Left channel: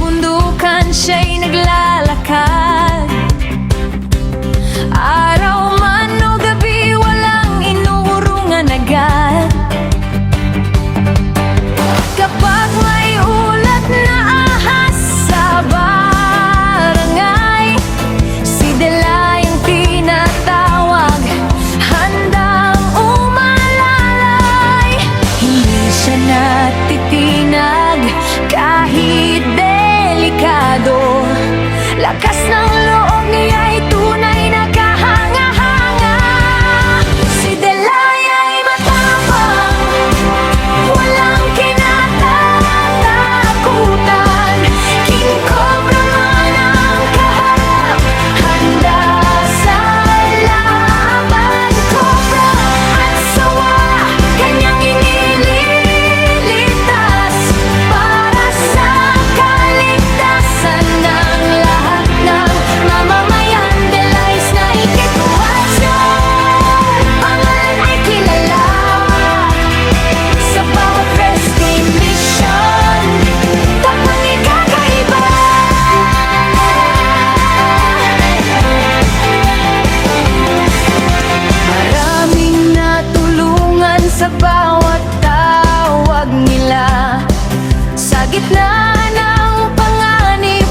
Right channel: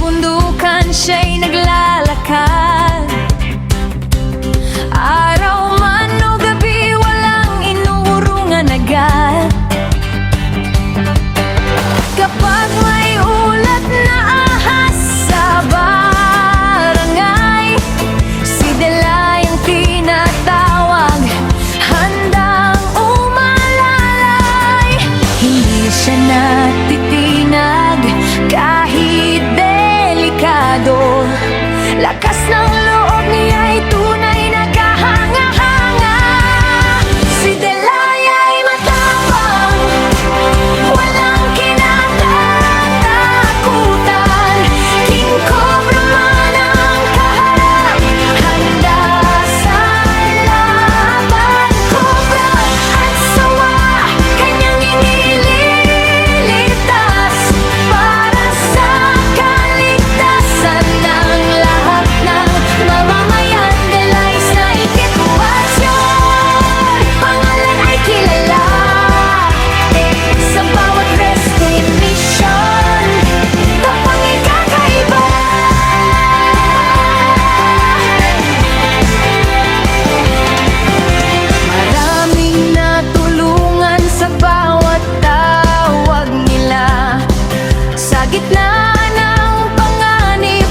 kabundukan siya'y naglalakad. Araw man o gabi, walang inuurungan agad. Kapag may ulat na ahas sa barangay, si Delay ang tinatawag, handang umalalay. Hindi siya natitinag kahit delikado. Lakas ng loob niya'y tunay na kahanga-hanga. Si Delay ay matapang, walang kinatatakutan. King Cobra man ang kaharap, handa sa laban. Cobra at sawa, kanyang inililitas para sa kaligtasan ng lahat ng mamamayan. Delay Snake Equation, pangalan ay kilala sa bawat rescue mission. Tapang ikakaiba. Maraming natulungan sa bawat tawag nila. Sa gitna ng panganib,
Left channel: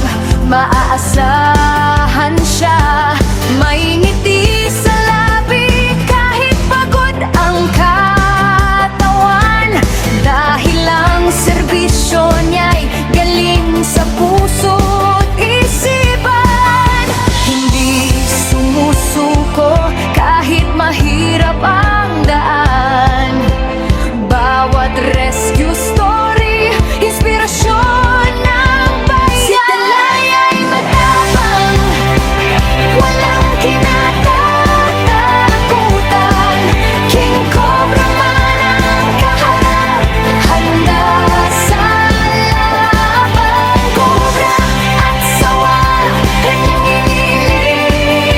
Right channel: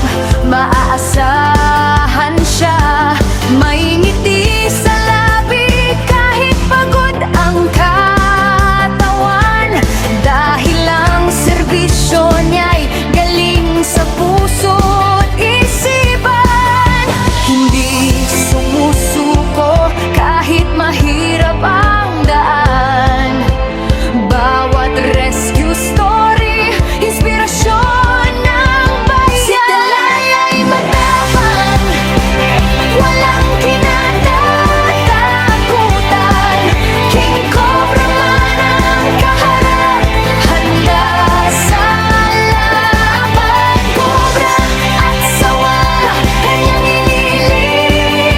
maaasahan siya. May ngiti sa labi kahit pagod ang katawan, dahil ang serbisyo niya'y galing sa puso't isipan. Hindi sumusuko kahit mahirap ang daan. Bawat rescue story, inspirasyon ng bayan. Si Delay ay matapang, walang kinatatakutan. King Cobra man ang kaharap, handa sa laban. Cobra at sawa, kanyang inililitas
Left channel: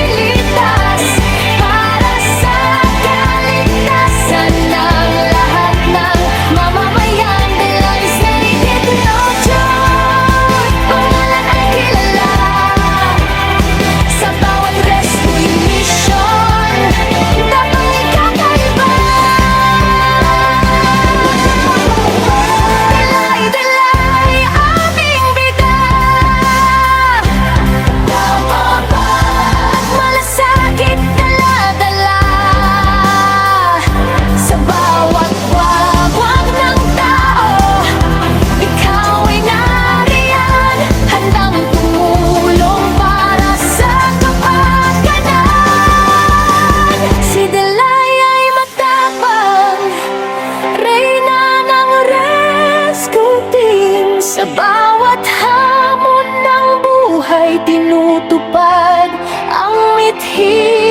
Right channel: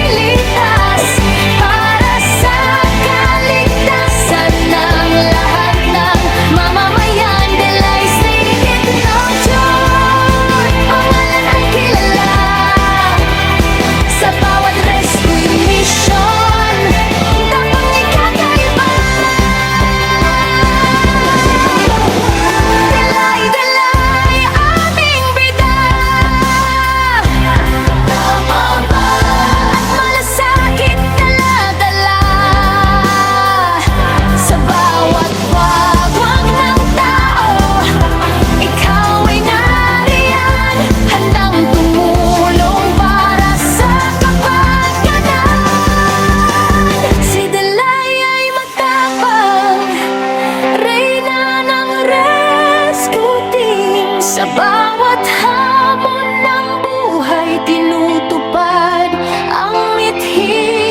para sa kaligtasan ng lahat ng mamamayan. Delay Snake Equation, pangalan ay kilala sa bawat rescue mission. Tapang ikakaiba. Delay, Delay, aming bida, at malasakit dala-dala. Sa bawat wagwag ng tao, ikaw ay nariyan, handang tumulong para sa kapakanan. Si Delay ay matapang, reyna ng rescue team. Sa bawat hamon ng buhay, tinutupad ang mithi